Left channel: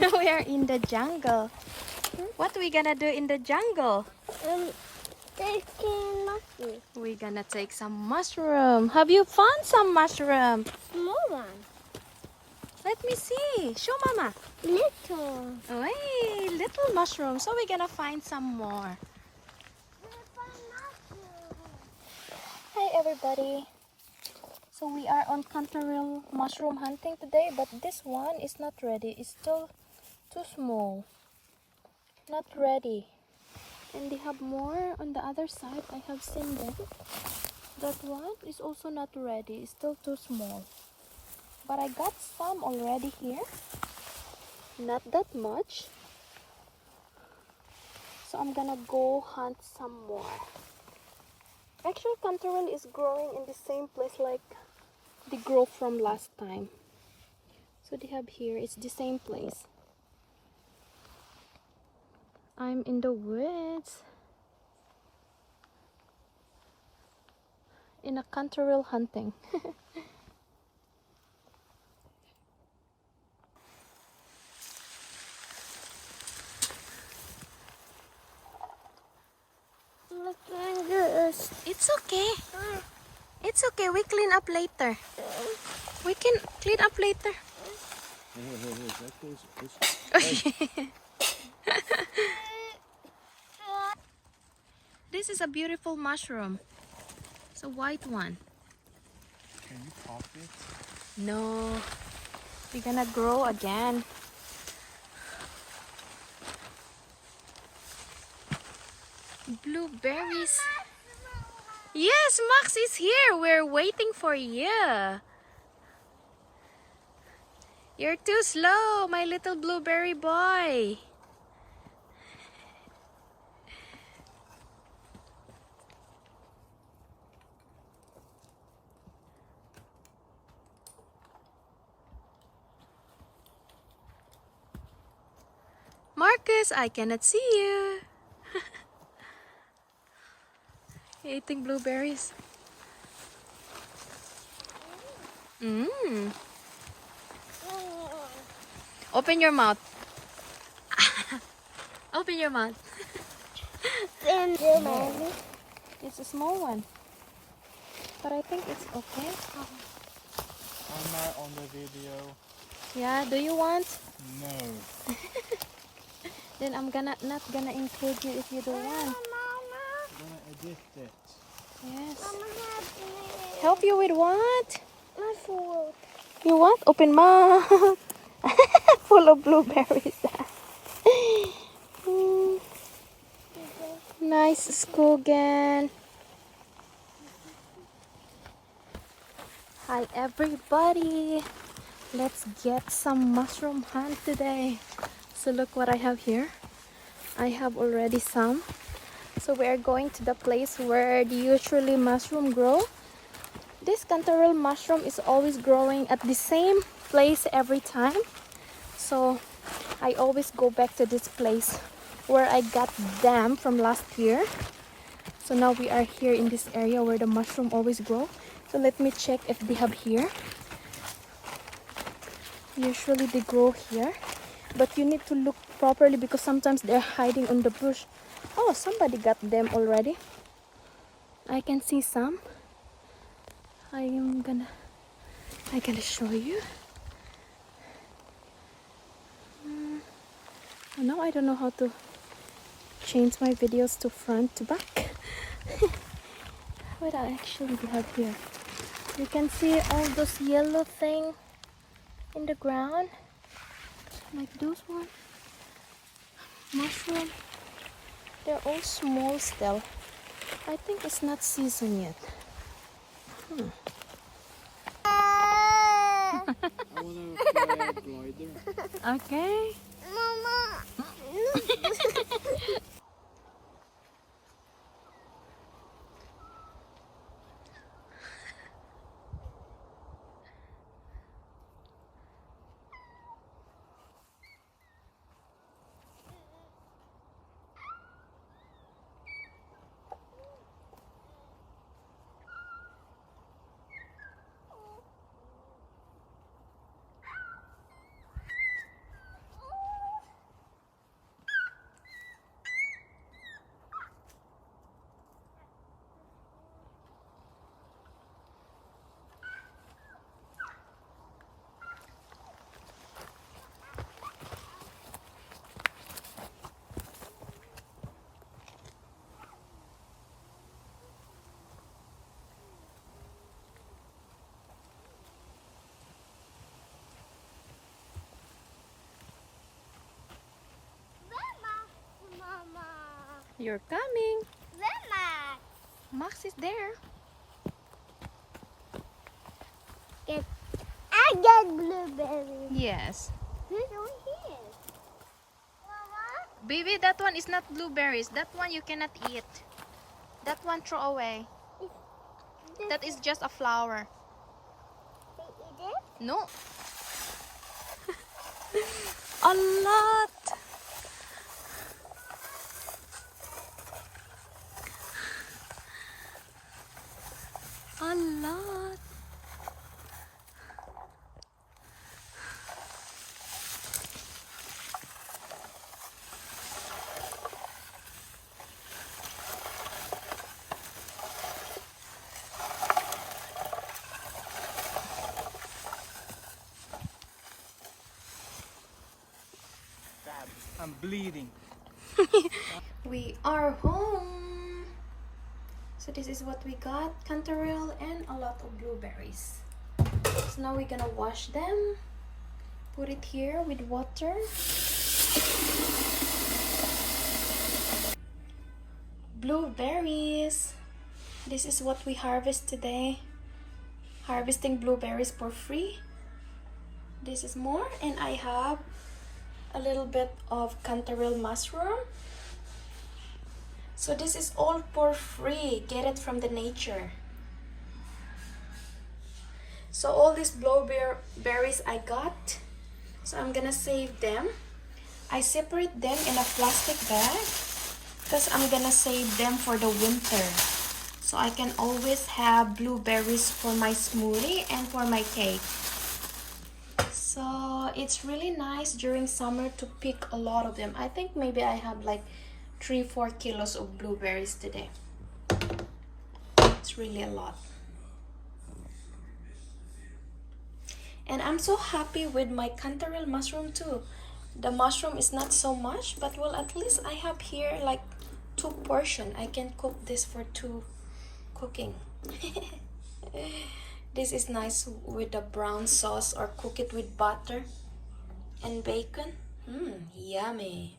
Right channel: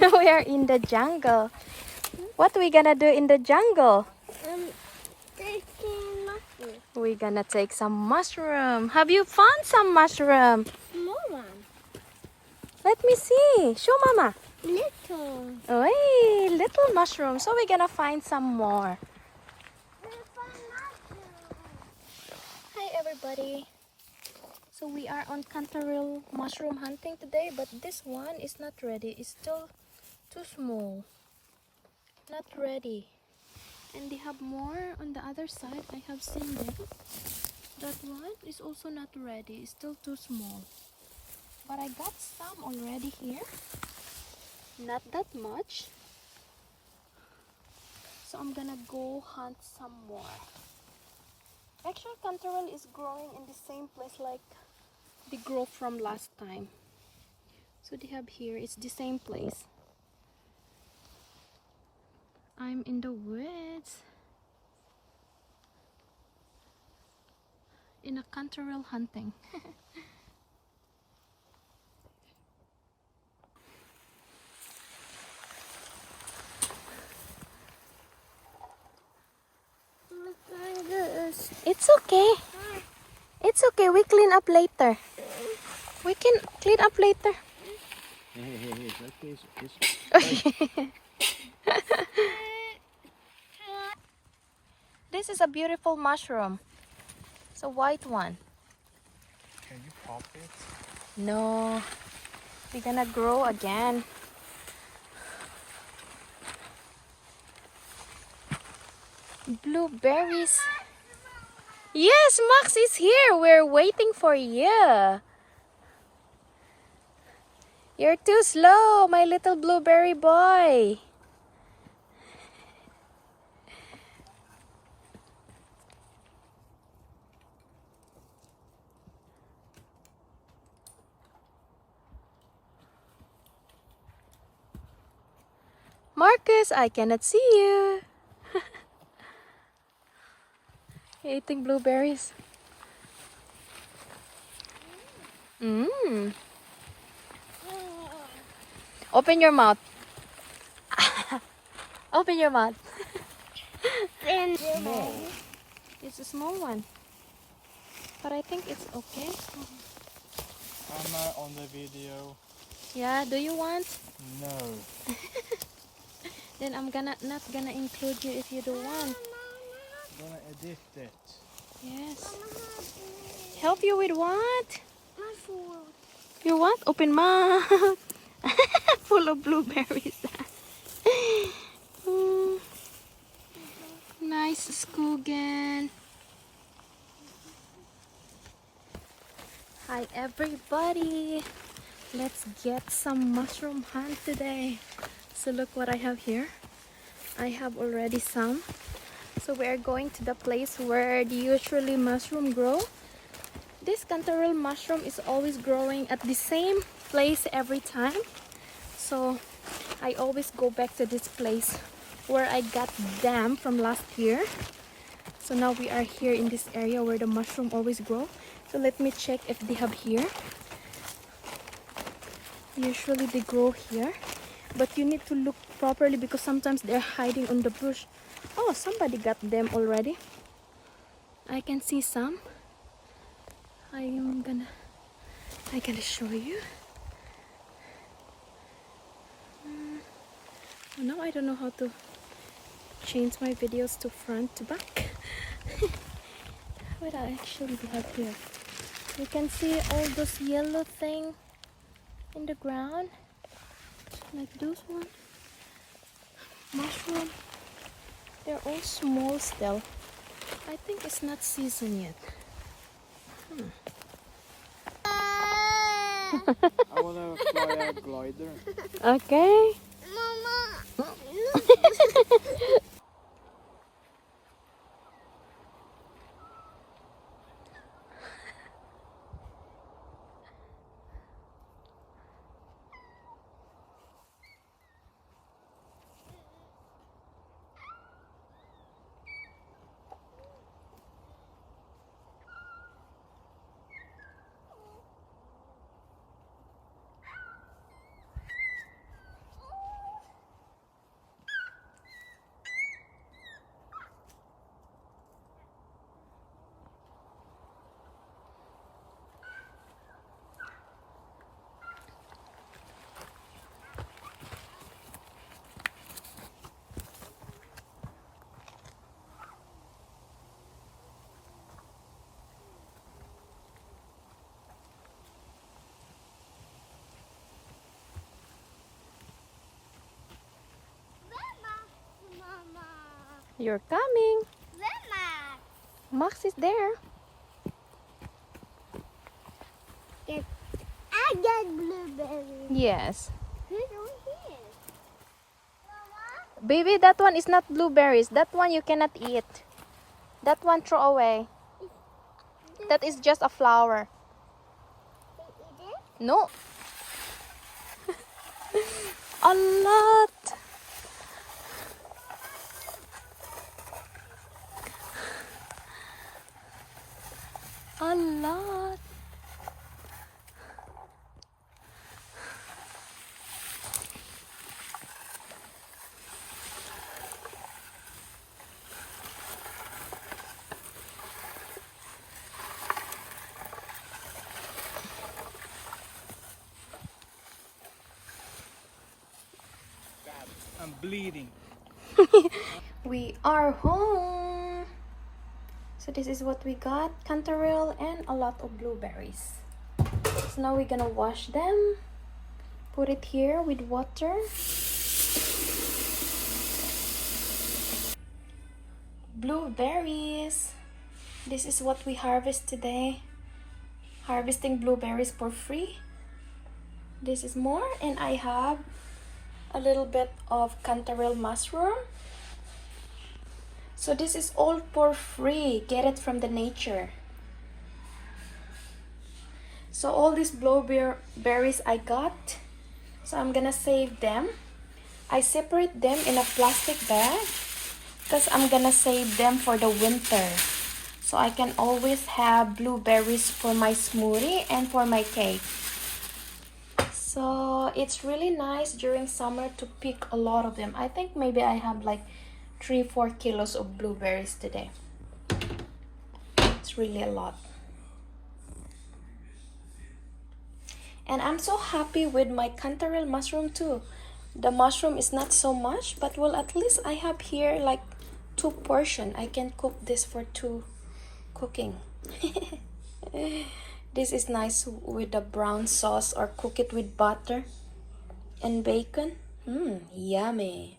We are in the jungle. What we gonna do in the jungle? Taking mushroom. We're gonna take some mushroom. Have you found some mushroom? Small one. Let me see. Show mama. Little. Hey, little mushroom. So we're gonna find some more. Hi everybody. So we are on Kantarell mushroom hunting today, but this one is not ready. It's still too small. Not ready. And they have more on the other side. I have seen them. That one is also not ready. It's still too small. But I got some already here. Not that much. So I'm gonna go hunt some more. Actually, Kantarell is growing in the same place like the growth from last time. So they have here, it's the same place. I'm in the woods in a Kantarell hunting. Look at this. It's okay. It's okay. We clean up later. We can clean up later. This is a beautiful mushroom. It's a white one. Can you pop it? No. We're gonna grow again. Blueberries. Yes, Max is here. We're waiting for you. You're too slow, my little blueberry boy. Marcus, I cannot see you. Eating blueberries. Open your mouth. Open your mouth. It's a small one. But I think it's okay. I'm not on the video. Yeah, do you want? No. Then I'm not gonna include you if you don't want. I'm gonna edit it. Yes. Help you with what? My food. You want? Open mouth. Full of blueberries. Nice Skogan. Hi everybody. Let's get some mushroom hunt today. So look what I have here. I have already some. So we are going to the place where the usually mushroom grow. This Kantarell mushroom is always growing at the same place every time. So I always go back to this place where I got them from last year. So now we are here in this area where the mushroom always grow. So let me check if they have here. Usually they grow here, but you need to look properly because sometimes they're hiding on the bush. Oh, somebody got them already. I can see some. I'm gonna show you. Oh, now I don't know how to change my videos to front to back. What I actually have here. You can see all those yellow thing in the ground, like those one. Mushroom. They're all small still. I think it's not seasoned yet. I wanna fly a glider. Okay. Mama. You're coming. Where Max? Max is there. I get blueberries. Yes. Who's on here? Mama? Baby, that one is not blueberries. That one you cannot eat. That one throw away. That is just a flower. Eat it? No. A lot. A lot. I'm bleeding. We are home. So this is what we got. Kantarell and a lot of blueberries. So now we're gonna wash them. Put it here with water. Blueberries. This is what we harvest today. Harvesting blueberries for free. This is more, and I have a little bit of Kantarell mushroom. So this is all for free. Get it from the nature. So all these blueberries I got, so I'm gonna save them. I separate them in a plastic bag because I'm gonna save them for the winter. So I can always have blueberries for my smoothie and for my cake. So it's really nice during summer to pick a lot of them. I think maybe I have like 3-4 kilos of blueberries today. It's really a lot. And I'm so happy with my Kantarell mushroom too. The mushroom is not so much, but well, at least I have here like 2 portions. I can cook this for 2 cooking. This is nice with the brown sauce, or cook it with butter and bacon. Yummy.